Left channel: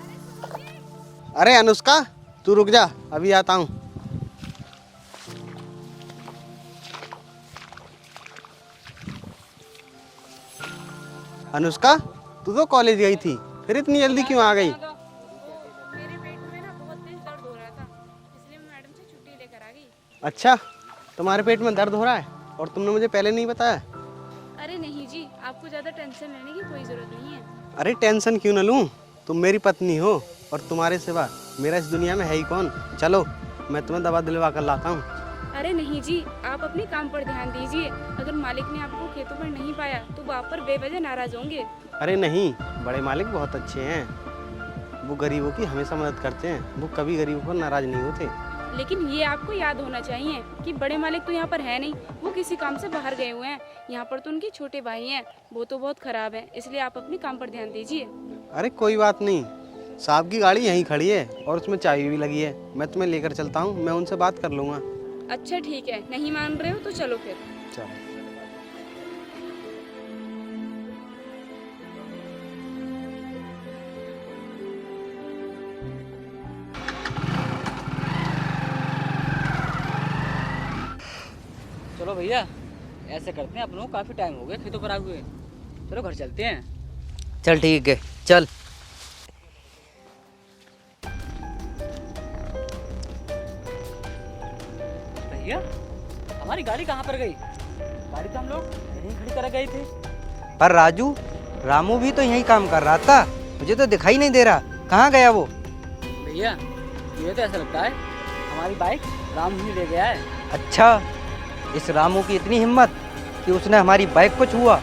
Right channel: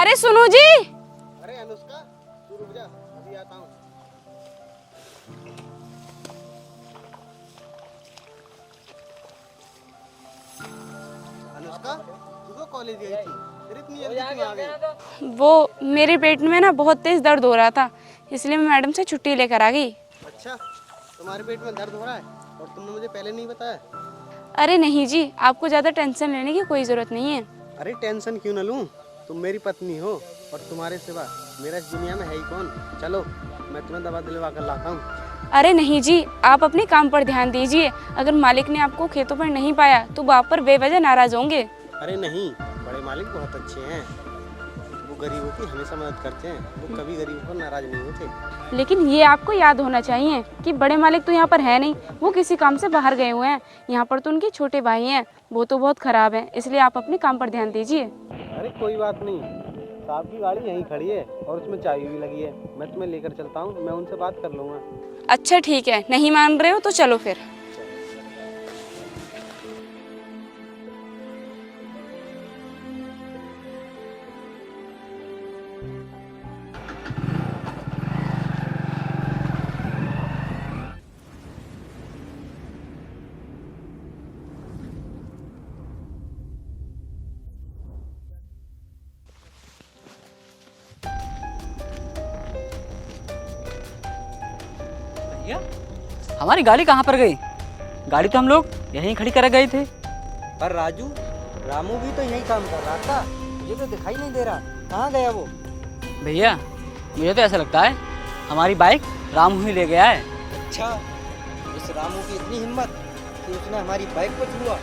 अरे सुनो जी। अरे अनुष्का तू रुक जा, अभी आता हूँ। अनुष्का तू तो कॉलेज गई थी, फिर इतनी जल्दी क्यों आ गई? वो मेरे पेट में ना बहुत तेज दर्द हो रहा था, इसलिए मैं मैडम से छुट्टी लेकर आ गई। अच्छा, तुम्हारे पेट में दर्द हो रहा है और तुमने मुझे पहले नहीं बताया? अरे नहीं जी, आपको ज़्यादा टेंशन लेने की कोई ज़रूरत नहीं है। अरे टेंशन क्यों न लूँ, तुम मेरी पत्नी हो और तुम्हारे सिवा मेरा इस दुनिया में है ही कौन। चलो मैं तुम्हें दवा दिलवा कर लाता हूँ। अरे नहीं जी, आप अपने काम पर ध्यान दीजिए। अगर मालिक ने आपको खेतों पर नहीं पाया तो वो आप पर बेवजह नाराज होंगे। अरे नहीं, बड़े मालिक बहुत अच्छे हैं, वो गरीबों की हमेशा मदद करते हैं, वो कभी गरीबों पर नाराज नहीं होते। लेकिन ये आपको याद होना चाहिए कि बड़े मालिक तो यहाँ पर है नहीं, वो किसी काम से बाहर गए हुए हैं। यहाँ पर तो उनके छोटे भाई हैं, वो तो बहुत खराब हैं, इसलिए आप अपने काम पर ध्यान दीजिए। अरे कोई बात नहीं, साहब की गाड़ी यहीं खड़ी है और उसमें चाबी भी लगी है, मैं तुम्हें लेकर चलता हूँ, मैं उनसे बात कर लूँगा। अच्छा ठीक है, नहीं मान रहे हो तो चलो फिर। चलो भैया ऐसे करते हैं, अपनों काफी टाइम हो गया खेतों पर आए हुए। चलो घर चलते हैं। चल ठीक है, चल। भैया हमारी गाड़ी कहाँ पर गई? गाड़ी तो हम लोग यहीं खड़ी कर गए थे। पर राजू, रामू भी तो यही काम कर रहा था, मुझे तो दिखाई नहीं दे रहा, कहाँ गया वो? भैया मुझे तो ऐसा लगता है हमारी बाइक रामू ही ले गया है। अच्छा, इस रामू की इतनी हिम्मत कि उसने हमारी बाइक को छुआ।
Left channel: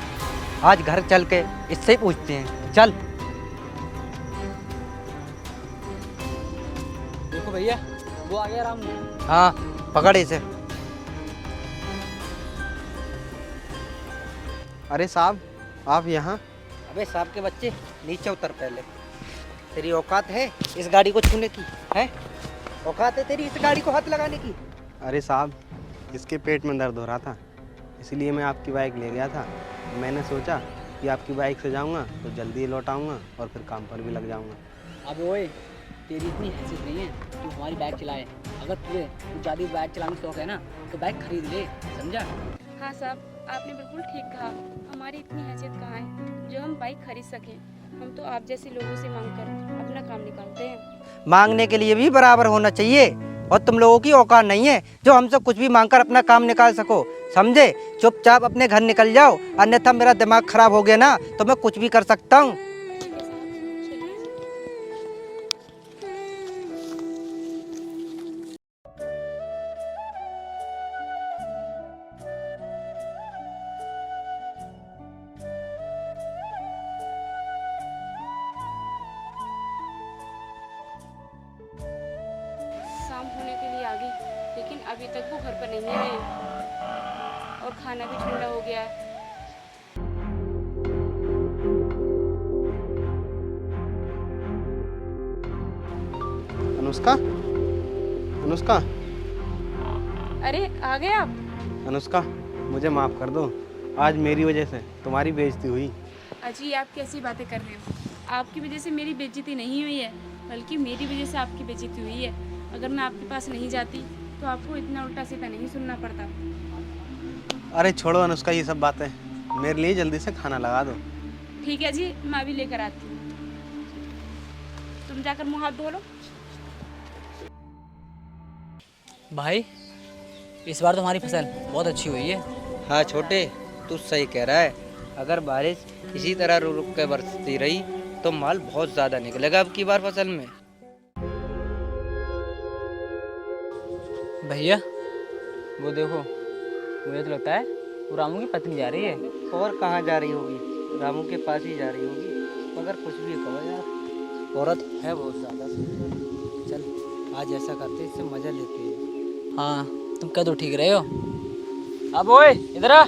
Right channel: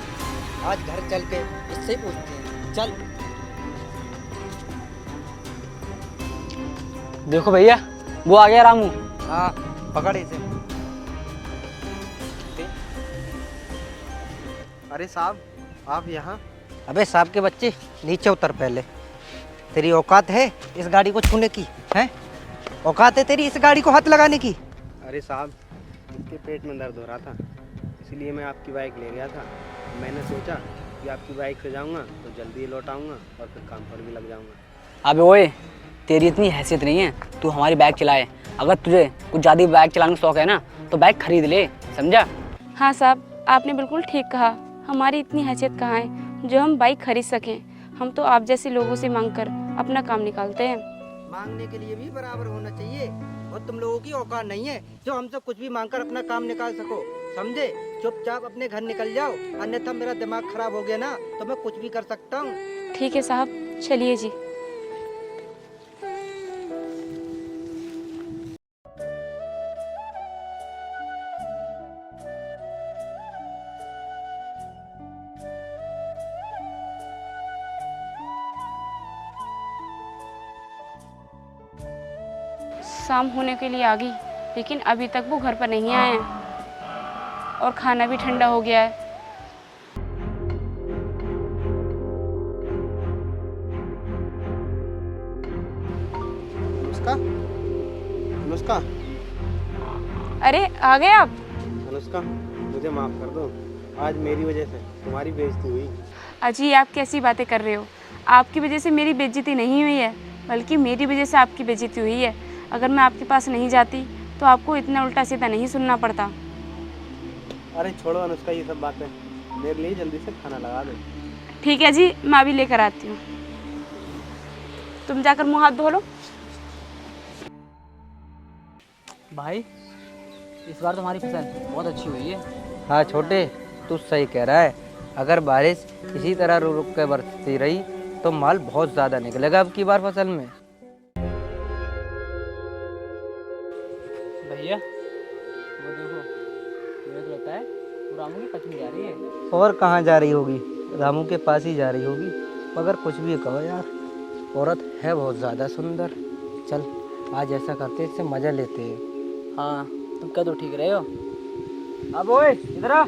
आज घर चल के इससे ही पूछते हैं, चल। देखो भैया वो आ गया रामू। हाँ पकड़ इसे। अरे साहब आप यहाँ? अबे साहब के बच्चे, नीचे उतर पहले। तेरी औकात है इस गाड़ी को छूने की? हैं? औकात है तेरी इस गाड़ी को हाथ लगाने की? अरे साहब, इसके पेट में दर्द हो रहा था, इसीलिए मैं आपकी बाइक ले गया था। मैंने सोचा कि आपकी बाइक से जाऊंगा तो जल्दी लौट आऊँगा और फिर काम पर भी लग जाऊंगा। अबे ओए, तेरी इतनी हैसियत नहीं है तू हमारी बाइक चलाए। अगर तुझे कुछ ज़्यादा बाइक चलाने का शौक है ना तो बाइक खरीद ले, समझा? हाँ साहब, आपने बिल्कुल ठीक कहा, हमारी इतनी हैसियत कहाँ है जो हम बाइक खरीद सकें। हम तो आप जैसे लोगों से मांगकर अपना काम निकालते हैं। मांगने के लिए भी बराबर होना चाहिए, और तुम लोगों की औकात नहीं है जो हमसे कुछ भी मांगकर अपना काम निकाल सको, समझे? चुपचाप अपने घर निकल जाओ, अन्यथा मेरा दिमाग खराब हो गया ना तो मैं कुछ भी कर सकता हूँ। ठीक है साहब, चलिए जी। शाम होने के लिए आ गई, लेकिन अभी तक वो घर पर नहीं आए हैं और खाना भी ठंडा हो गया है। अनुष्का, अनुष्का, अरे आ गए आप? अनुष्का मुझे माफ़ कर दो, आज मेरी वजह से तुम्हारी बेइज्जती हुई। अजी आप कैसी बातें कर रहे हो? आपकी वजह से मेरी बेइज्जती नहीं हुई है, बल्कि मेरी वजह से आपकी बेइज्जती हुई है। अगर मैं आपके पास नहीं जाती तो आपको इतना उल्टा सीधा नहीं सुनना पड़ता। अरे छोड़ो अनुष्का ये सब बातें, मेरे लिए जल्दी से खाना लगा दो। ठीक है जी, मैं अभी लेकर आती हूँ। तुम जाकर मुँह हाथ धो लो। भाई इस बार तो हमारी फसल बहुत अच्छी हुई है। हाँ छोटे, तू सही कह रहा है, अगर बारिश इसी तरह रुक रुक के बरसती रही तो माल बहुत ज़्यादा निकलेगा अब की बार फसल में। भैया वो देखो, मुझे तो लगता है वो रामू की पत्नी जा रही है। और कहाँ जा रही होगी, रामू के पास ही जा रही होगी। मगर कुछ भी कहो यार, औरत है बहुत ज़्यादा सुंदर। चल आज ऐसा करते, इससे मज़ा लेते हैं। हाँ तुम कह दो, ठीक रहे हो। अब ओए इधर आ।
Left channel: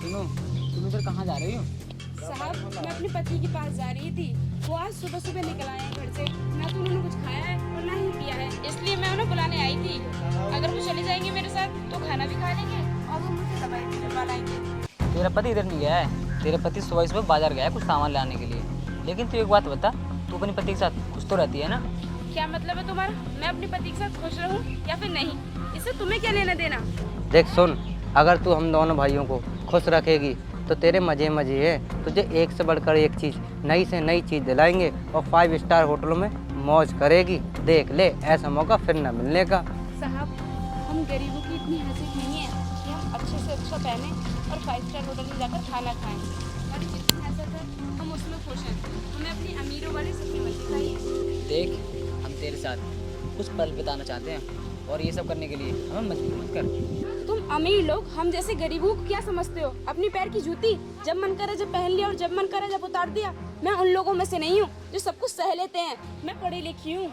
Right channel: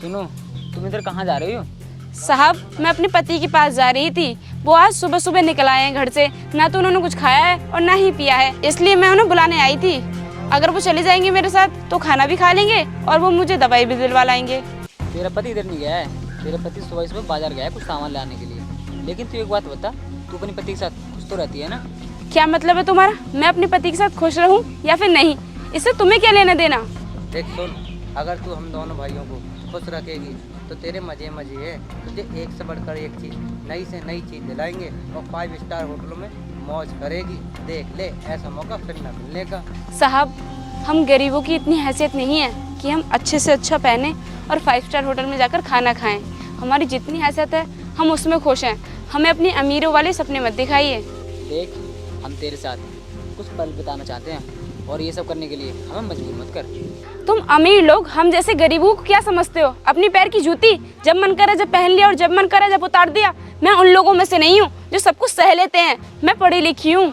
सुनो, तुम इधर कहाँ जा रही हो? साहब मैं अपने पति के पास जा रही थी, वो आज सुबह सुबह निकल आए हैं घर से, ना तो उन्होंने कुछ खाया है और ना ही पिया है, इसलिए मैं उन्हें बुलाने आई थी। अगर वो चले जाएंगे मेरे साथ तो खाना भी खा लेंगे और वो मुझे दवाई भी दिलवा लाएंगे। तेरा पति इधर नहीं गया है। तेरा पति सुबह सुबह बाजार गया है कुछ सामान लाने के लिए। लेकिन तू एक बात बता, तू अपने पति के साथ खुश तो रहती है ना? क्या मतलब है तुम्हारा? मैं अपने पति के साथ खुश रहूं या फिर नहीं, इससे तुम्हें क्या लेना देना? देख सुन, अगर तू हम दोनों भाइयों को खुश रखेगी तो तेरे मजे मजे है। तुझे एक से बढ़कर एक चीज़, नई से नई चीज़ दिलाएंगे और 5 स्टार होटलों में मौज करेगी। देख ले, ऐसा मौका फिर न मिलने का। साहब, हम गरीबों की इतनी हैसियत नहीं है कि हम अच्छे से अच्छा पहने और 5 स्टार होटल में जाकर खाना खाएं। हमारी जितनी हैसियत है हम उसमें खुश हैं। हमें अपनी अमीरों वाले सपने मत दिखाइए। देख, हम तेरे साथ कुछ पल बिताना चाहते हैं और ये सब करने के लिए हमें मजबूर मत कर। तुम अमीर लोग हम जैसे गरीबों को क्या समझते हो? अपनी पैर की जूती जब मन करे जब पहन लिया और जब मन करे जब उतार दिया। मैं उन लोगों में से नहीं हूँ जो सब कुछ सह लेते हैं। मैं पढ़ी लिखी हूँ,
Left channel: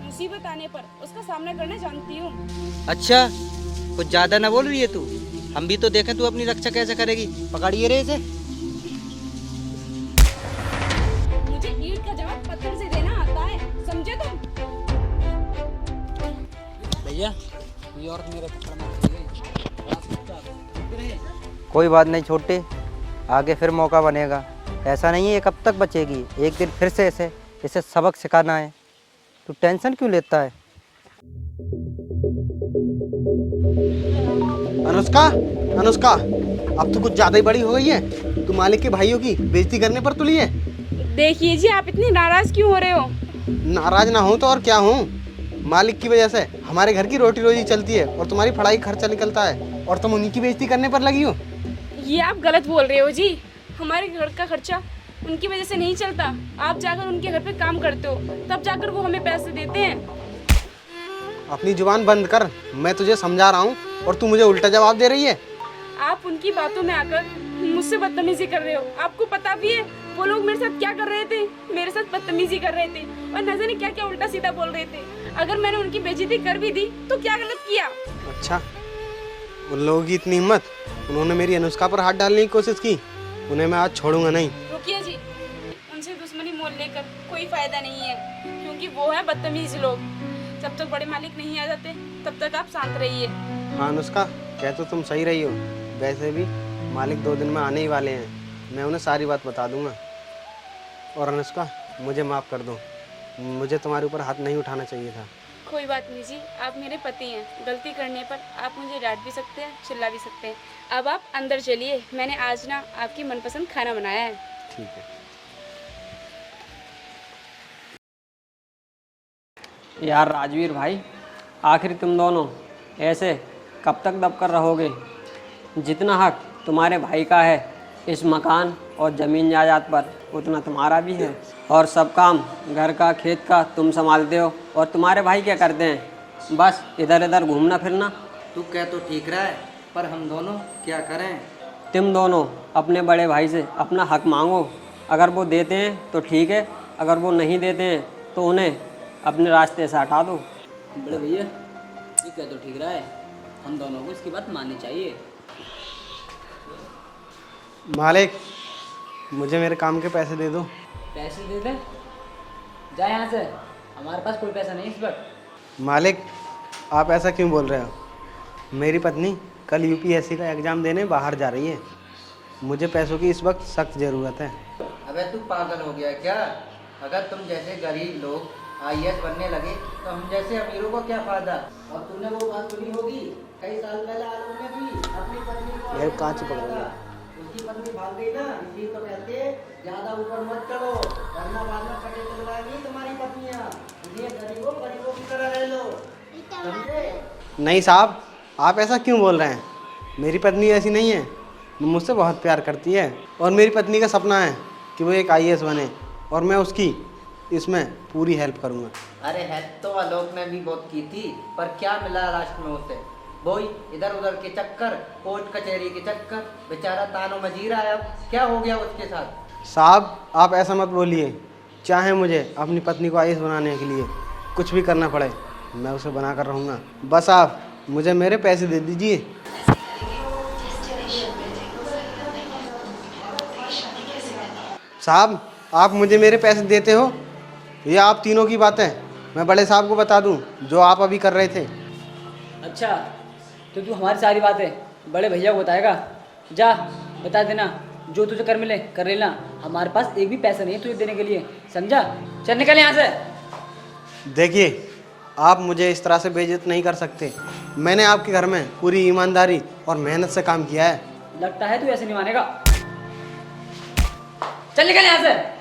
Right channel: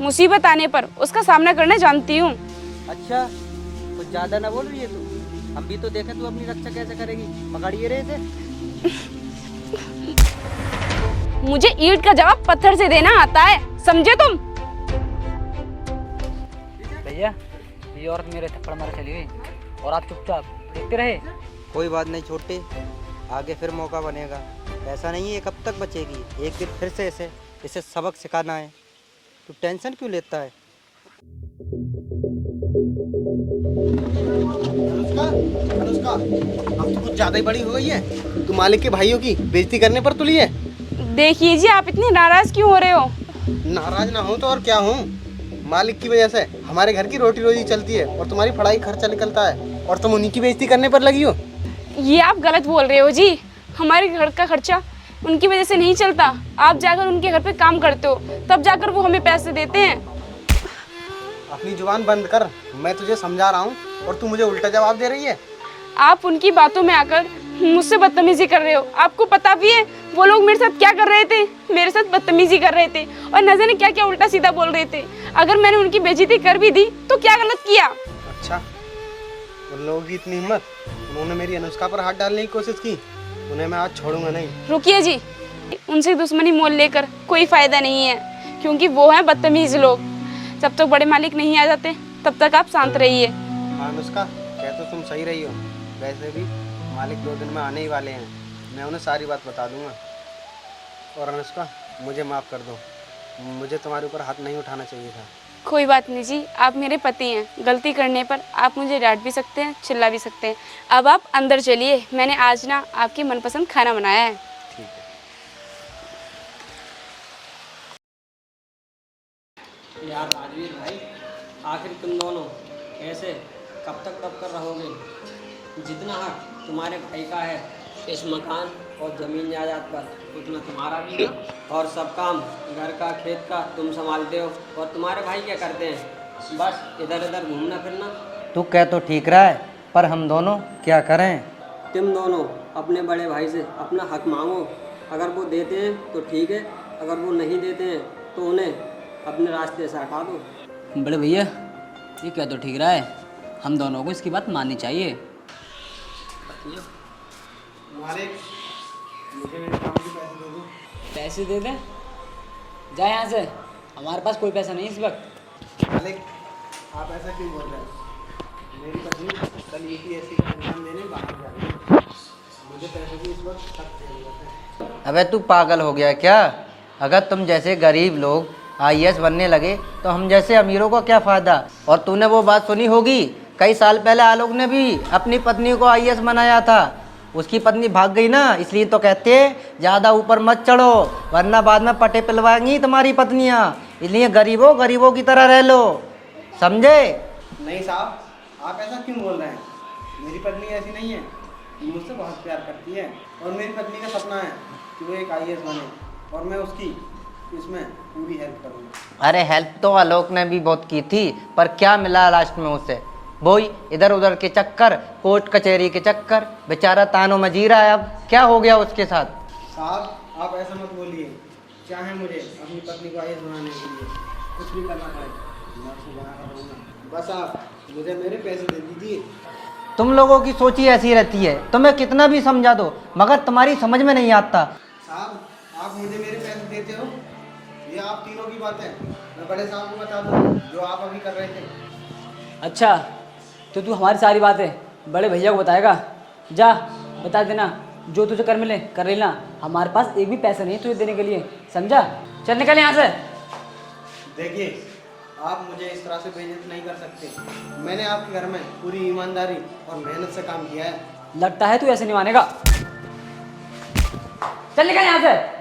मुसीबत आने पर उसका सामना करना जानती हूँ। अच्छा, कुछ ज़्यादा ना बोल रही है तू। हम भी तो देखें तू अपनी रक्षा कैसे करेगी। पकड़िए रे इसे। मुझे ईंट का जवाब पत्थर से देना आता है, समझे तुम? भैया, ये औरत मेरे थप्पड़ मार चली गई और आप चुपचाप देखते रहे। कोई बात नहीं छोटे, आगे फिर मौका बनेगा। ऐसा नहीं है कब तक बचेगी, एक दिन फिर से इसे सबक सिखाना है। तू टेंशन क्यों लेता है? अनुष्का, अनुष्का, अब तो कुछ ज़्यादा ही बड़ी हो गई है। तू मालिक के भाइयों की बेइज्जती करने पर तुली है। देखिए जी, आप इतने नाराज क्यों हो रहे हो? नाराज ना हूँ तो और क्या हूँ। मालिक की वजह से हमारे घर की रोटी रोजी चलती है और तुम्हारी पढ़ाई खर्चा निकलता है, और तुम उन्हीं की बेइज्जती करने पर लगी हो। ये आप गलत बोल रहे हो जी। हमारे घर का खर्चा उनकी वजह से नहीं चलता। आप जाकर उनके घर पे काम करते हो, तब जाकर वो हमें पैसे देते हैं। अपनी जुबान बंद कर, मैं तुझे समझा रहा हूँ और तू मुझे उल्टा जवाब दे रही है। आप उनकी बातों में आकर मुझसे बदतमीजी कर रहे हो। आपको पता भी है वो लोग मेरे साथ क्या कर रहे थे? मेरे साथ बदतमीजी कर रहे थे और न जाने क्या क्या उल्टा सीधा बोल रहे थे। अगर मैंने उनकी बेइज्जती कर भी दी तो क्या गलत किया? अच्छा, उन लोगों की इतनी हिम्मत, उन्होंने मेरी अनुष्का पर हाथ डालने की कोशिश की। उन्हें मैं आज छोड़ूंगा नहीं। रुकिए जी, उनसे दुश्मनी मोल लेकर कोई फायदा नहीं है, क्योंकि वो हैं बदतमीज लोग। जब तक बड़े मालिक नहीं आ जाते तब तक आप शांत रहिए। हाँ अनुष्का, कह तो तुम सही रही हो। वैसे भी मालिक 2 दिन में आने ही वाले हैं, मैं उन्हें सारी बात बता दूंगा। और अनुष्का, मुझे माफ़ कर दो, मुझे तुम्हारे ऊपर हाथ नहीं उठाना चाहिए था। कोई बात नहीं जी, आप मेरे पति हैं। गलती करने पर आप मुझे डांट भी सकते हैं, चिल्ला भी सकते हैं। अब आप अंदर चलिए, मैंने आज ना आपकी मनपसंद खाना बनाया है। ठीक है। यार राजवीर भाई, आखिर तुम दोनों ऐसे कब तक दबकर रहोगे? जितना हक तुम्हारे भाई का है इस मकान और ज़मीन जायदाद पर, उतना तुम्हारा भी है। और सब काम घर का खेत का तुम संभालते हो, और तुम्हारे भाई क्या करते हैं? बस इधर इधर घूमना फिरना। तू कह तो ठीक रहा है, पर हम दोनों क्या करें? तुम दोनों अपने बड़े भाई से अपना हक मांगो। अगर वो देते हैं तो ठीक है, अगर वो नहीं देते हैं तो उन्हें अपने रास्ते से हटा दो। बड़े भैया, ये क्या तो ठीक रहा है, हम दोनों को इसकी बात माननी चाहिए। मालिक, मुझे मेरे काम के पैसे दे दो। पैसे दे दें? जा यहाँ से, हमारे पास कोई पैसा नहीं इस वक्त। मालिक, आप ऐसा क्यों बोल रहे हो? मेरी पत्नी कल यूपीएससी का एग्ज़ाम देने बाहर जा रही है। मुझे पैसों की इस वक्त सख्त ज़रूरत है। अबे तू पागल हो गया क्या? अगर तुम जैसे गरीब लोग आईएएस बनने लगे तो हम जैसे अमीरों को क्या फ़ायदा? और तूने वो बात सुनी होगी, कई साल पहले आलोक ने भी अपनी पत्नी को आईएएस बनाया था। उसकी पत्नी भाग गई ना, इसलिए तो कहते हैं ज़्यादा ऊपर मत चढ़ो, वरना बाद में पटे पिलवाएंगी तुम्हारी पत्नियाँ। इसलिए गरीबों की तरह रह लो, समझे? नहीं साहब, आप ऐसा क्यों बोल रहे हैं? मेरी पत्नी ऐसी नहीं है, वो मुझसे बहुत प्यार करती है और मेरी पत्नी का सपना है कि वो एक आईएएस बने, और मैं उसकी इसमें पूरी हेल्प करूँगा। अरे हेल्प तो आलोक ने भी बहुत की थी, पर क्या मिला लास्ट में उसे? वही इधर उधर के चक्कर, कोर्ट कचहरी के चक्कर, बेचारा तानों में जी रहा है। अब क्या हो गया उसके साथ? साहब, आप ऐसा मत बोलिए। चाहे मुझे अपनी पत्नी को आईएएस बनाने के लिए कुछ भी करना पड़े, मैं उसे बना कर रहूँगा। बस आप मुझे मेरे पैसे दे दीजिए। तुम लोगों की सोच ही ऐसी रहती है, तुम्हें कितना भी समझा दो मगर तुम्हारी समझ में नहीं आता। साहब, आप मुझे मेरे पैसे देते हो या आप तीनों की बातें मैं बड़े साहब को बता दूं जो आप अभी कर रहे थे? अच्छा, तो तू हमारी सारी बातें बड़े भैया को बताएगा? जा, बता देना, जो तुझे कर मिले कर लेना, हमारे पास एक भी पैसा नहीं तुझे देने के लिए, समझा? चल निकल यहाँ से। देखिए, आप मुझे इस तरह से बेइज्जत नहीं कर सकते। मैंने आपके घर में पूरी ईमानदारी और मेहनत से काम किया है। लगता है तू ऐसे नहीं मानेगा। चल निकल यहाँ से।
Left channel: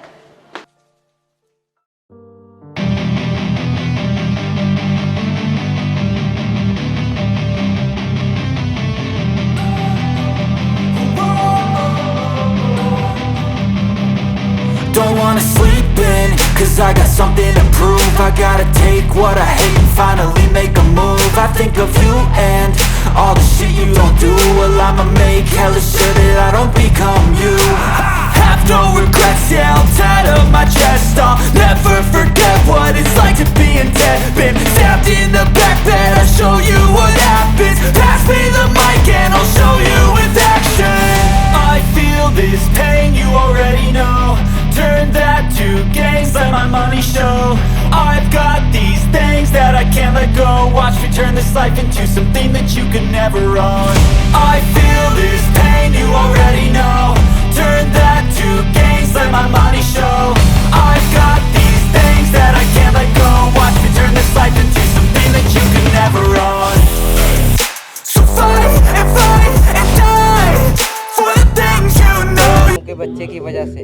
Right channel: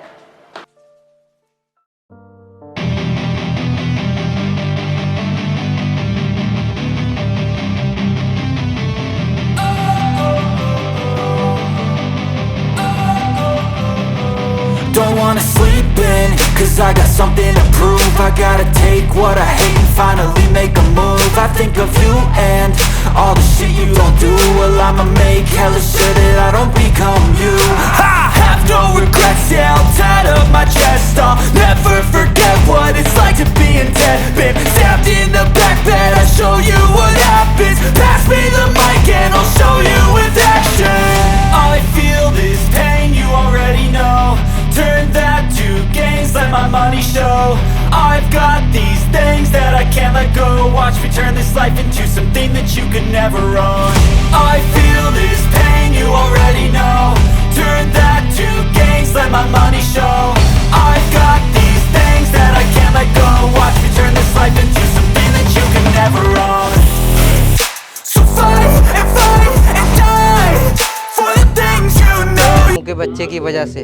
Don't wanna sleep in, cause I got something to prove. I gotta take what I hate and finally make a move. I think of you and all the shit you don't do. Well, I'ma make hella sure that I don't become you. I have no regrets, yeah, I'll tie up my chest. I'll never forget what it's like to be in debt. Been stabbed in the back bed, I'll show you what happens. Pass me the mic and I'll show you with action. I feel this pain, you already know. Turn that to gains, let my money show. I've got these things that I can't let go. Watch me turn this life into something that you could never own. I feel this pain, you already know. Turn that to gains, let my money show. I've got these things that I can't let go. Watch me turn this life into something that you could never own. So fight and die for the things you know. के बच्चे की वजह से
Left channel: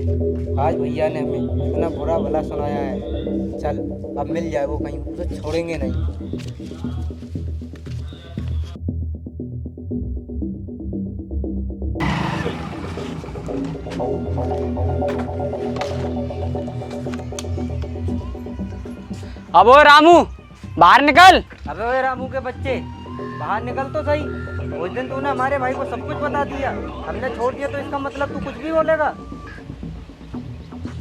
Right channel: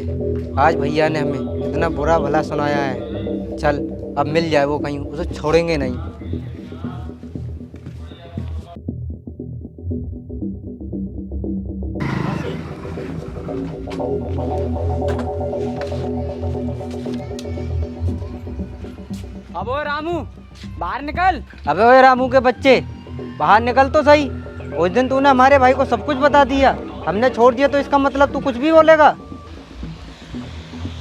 आज भैया ने हमें इतना बुरा भला सुनाया है। चल अब मिल जाए वो कहीं, उसे छोड़ेंगे नहीं। अब ओ रामू बाहर निकल। अबे ओए रामू के बच्चे, बाहर निकल तो सही। उस दिन तूने हमारे भाई को सब कुछ बता दिया, हमने छोड़ दिया, तो इसका मतलब तू कुछ भी बोलेगा?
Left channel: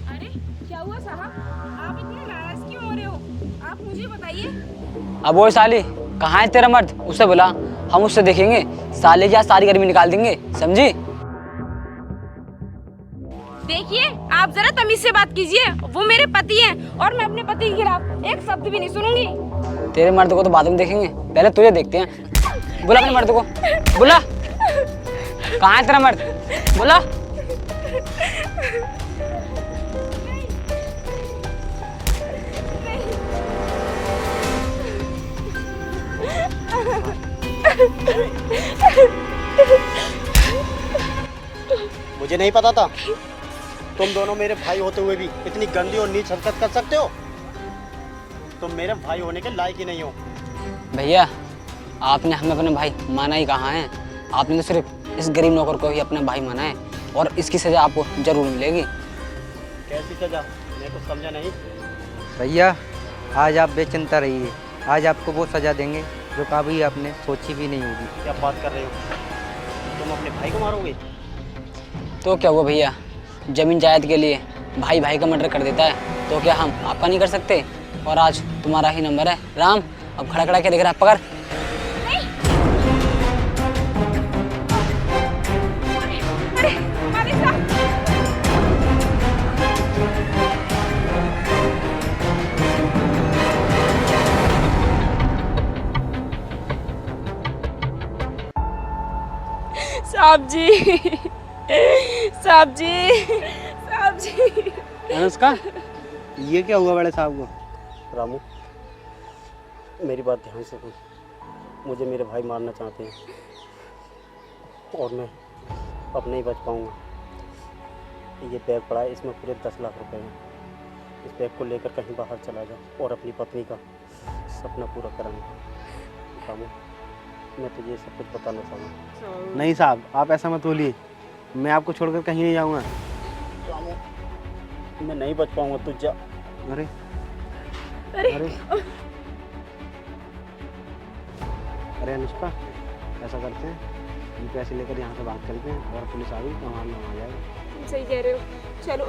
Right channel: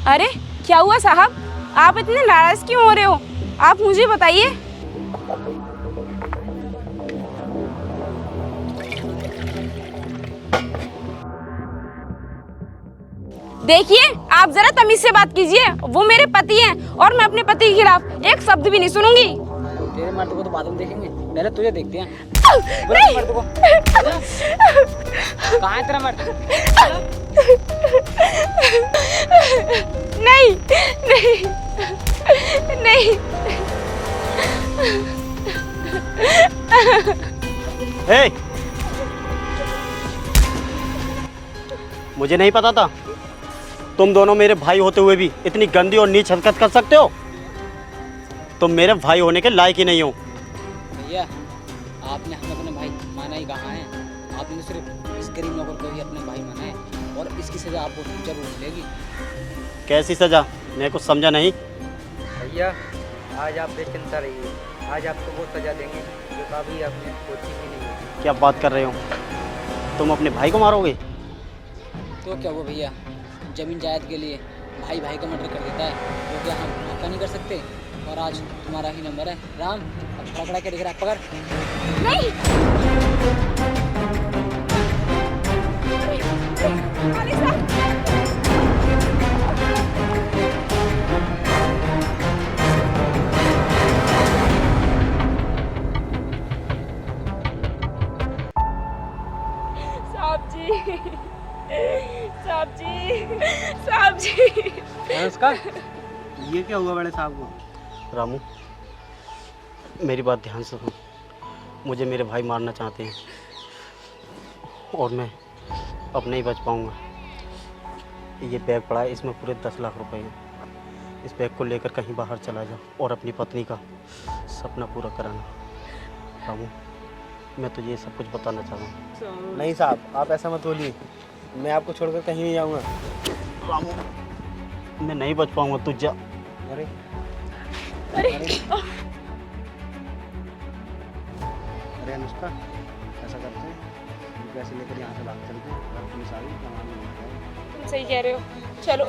अरे क्या हुआ साहब, आप इतने नाराज क्यों हो रहे हो? आप मुझे बताइए। अब वो साली कहाँ है तेरा मर्द, उससे बुला, हम उससे देखेंगे। साले की आज सारी गर्मी निकाल देंगे, समझी? देखिए, आप जरा तमीज से बात कीजिए, वो मेरे पति हैं और मैं अपने पति के खिलाफ एक शब्द भी नहीं सुनूंगी। तेरे मर्द को तो बाद में देखेंगे, पहले तुझे देखते हैं। बुला अपने मर्द को, बुला। कहाँ है तेरा मर्द, बुला। नहीं नहीं नहीं। ए! मुझे नहीं पता था तुम दोनों मेरे भाई होते हुए भी इतनी गंदी और नीच हरकत कर सकते हो। तुम मेरे भाई होने के लायक ही नहीं हो। भैया, आपने हमें अपने भाई माना ही कहाँ है? आपने तो सिर्फ इस गरीब नौकर को ही अपना भाई माना है, और इसकी सजा आपको जरूर मिलेगी। कैसी सजा? मैं कुछ समझा नहीं। भैया आज आप बेचिंता रहिए, आज आपको वो सजा देंगे जो कभी आपने सोची भी नहीं होगी। क्या बात कर रहे हो? तुम अपने भाई को मारोगे? तो क्या हुआ भैया, जमीन जायदाद के लिए भाई भाई का मर्डर कर देता है, तो क्या हम आपका नहीं कर सकते? और आज तुम्हारा ही नंबर है। राम, अब खड़ा खड़ा के देख रहा है, पकड़। साहब जी, साहब जी, साहब जी। अनुष्का, ये क्या हुआ बड़े साहब को? रामू, मेरी बात ध्यान से सुन। मुझे मेरे भाई मारना चाहते हैं और मैं अब नहीं बच पाऊंगा। ये बैग पड़ा है, इसमें पूरे 10 लाख रुपए हैं। इस बैग को लेकर कहीं बाहर चला जाओ और अपनी पत्नी का सपना पूरा कराना। रामू, मैं तुझे ये सब कुछ बताना चाहता हूँ। नहीं साहब, आप ऐसा मत बोलिए, मैं आपको छोड़कर कहीं नहीं जाऊँगा। रामू, मैं नहीं बच पाऊंगा, तू जा। अरे अरे अरे अनुष्का, ऐसा करते हैं, हम कैसे लेकर यहाँ से भाग चलते हैं। अगर पुलिस आ रही है तो हमारी हो जाएगा। तुम सही कह रहे हो, चलो।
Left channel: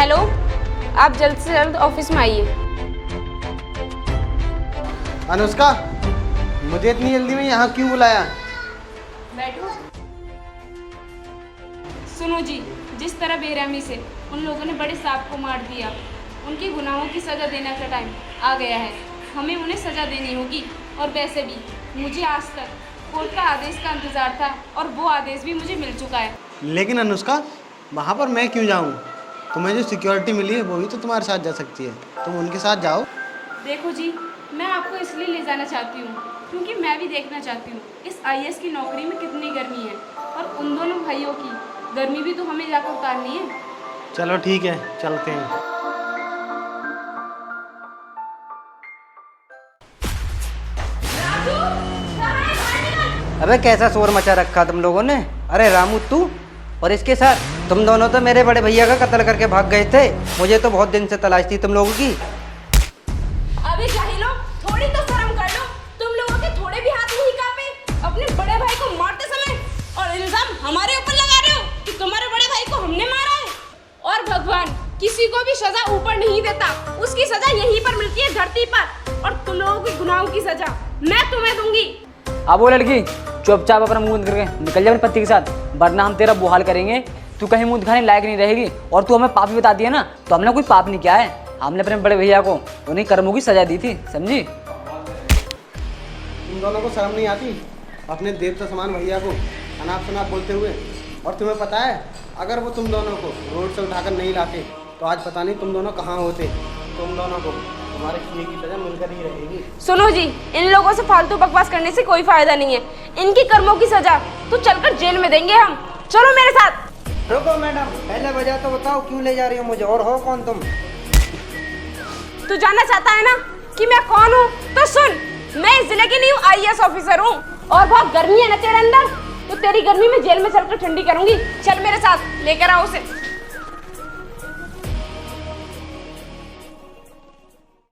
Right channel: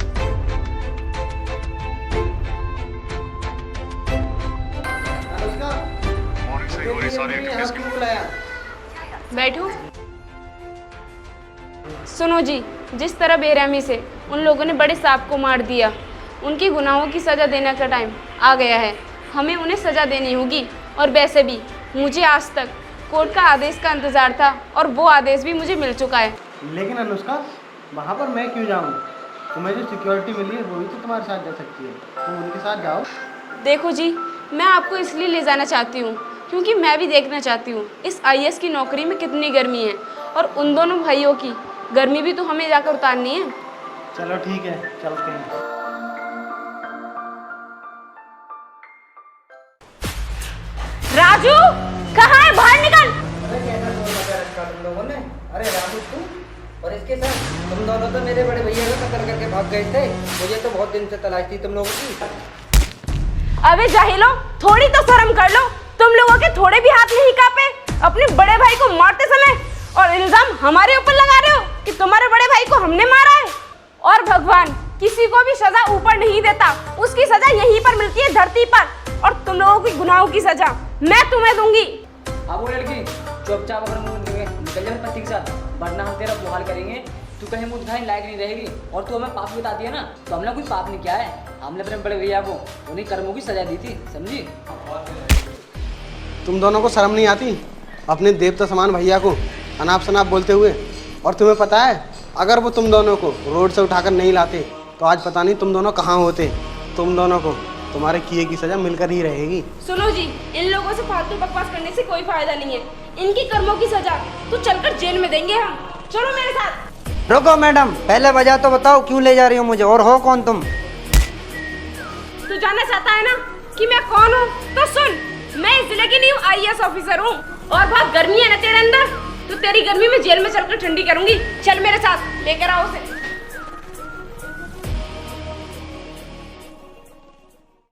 हेलो, आप जल्द से जल्द ऑफिस में आइए। अनुष्का, मुझे इतनी जल्दी में यहाँ क्यों बुलाया? बैठो। सुनो जी, जिस तरह बेरहमी से उन लोगों ने बड़े सांप को मार दिया, उनकी गुनाहों की सज़ा देने का टाइम आ गया है। हमें उन्हें सज़ा देनी होगी। और वैसे भी मुझे आज तक कोर्ट का आदेश का इंतज़ार था और वो आदेश भी मुझे मिल चुका है। लेकिन अनुष्का, वहाँ पर मैं क्यों जाऊँ? तुम्हें जो सिक्योरिटी मिली है वो भी तो तुम्हारे साथ जा सकती है, तुम उनके साथ जाओ। देखो जी, मैं आपको इसलिए ले जाना चाहती हूँ क्योंकि मैं भी देखना चाहती हूँ इस IAS की नौकरी में कितनी गर्मी है, और उन दोनों भाइयों की गर्मी भी तो हमें जाकर उतारनी है। चलो ठीक है, चलते हैं। राजू, कहाँ है? बाहर निकल। अबे कैसा शोर मचा रखा तुम लोगों ने? अरे रामू, तू और इसके साथ तुम दोनों तो मेरे बड़े भैया का कत्ल करके भाग गए थे। मुझे तो बहुत दिन से तलाश थी तुम लोगों की। अबे जाहिलो, थोड़ी तो शर्म कर लो। तुम लोगों के थोड़े भी हाथ नहीं कांपे अपने बड़े भाई को मारते समय, और इल्जाम हमारे ऊपर लगा रहे हो कि तुम्हारे बड़े भाई को हमने मारा है। और भगवान किसी को भी सजा ऊपर नहीं देता, उसकी सजा यहीं पर मिलती है, धरती पर। और तुम लोगों की गुनाहों की सजा मैं तुम्हें दूंगी। अब वो लड़की चुपचाप अपना मुंह करके निकल जा अपने पति के साथ, वरना हम तेरा बुहाल करेंगे। तू कहीं मुंह दिखाने लायक नहीं रहेगी। और तू हमें पापी बता दिया ना, तो हमने कोई पाप नहीं किया है। हमने अपने बड़े भैया को उन्हीं कर्मों की सजा दी थी, समझी? तुम दोनों को शर्म नहीं आती अपने देवता समान भैया को अनाप शनाप बोलते हुए? और तुम्हें पता है, अगर वो तुम दोनों को रोड से उठाकर नहीं लाते तो आज पता नहीं तुम दोनों कहाँ होते। तुम दोनों को तुम्हारे किए की सजा मिलकर ही रहेगी। सुनो जी, इन लोगों से फालतू बकवास करने से कोई फायदा नहीं है। इनकी कर्मों की सजा तो चलकर जेल में देंगे हम। चलो मेरे साथ। रुको मैडम, पहले वजह तो बताओ क्यों ले जा रही हो मुझे, और हो कौन तुम? तू जानना चाहता है ना कि मैं कौन हूँ? तो सुन, मैं इस जिले की न्यू IAS ऑफिसर हूँ। और बहुत गर्मी है ना तेरे अंदर, तो तेरी गर्मी में जेल में चलकर ठंडी करूंगी। चल मेरे साथ, लेकर आओ उसे।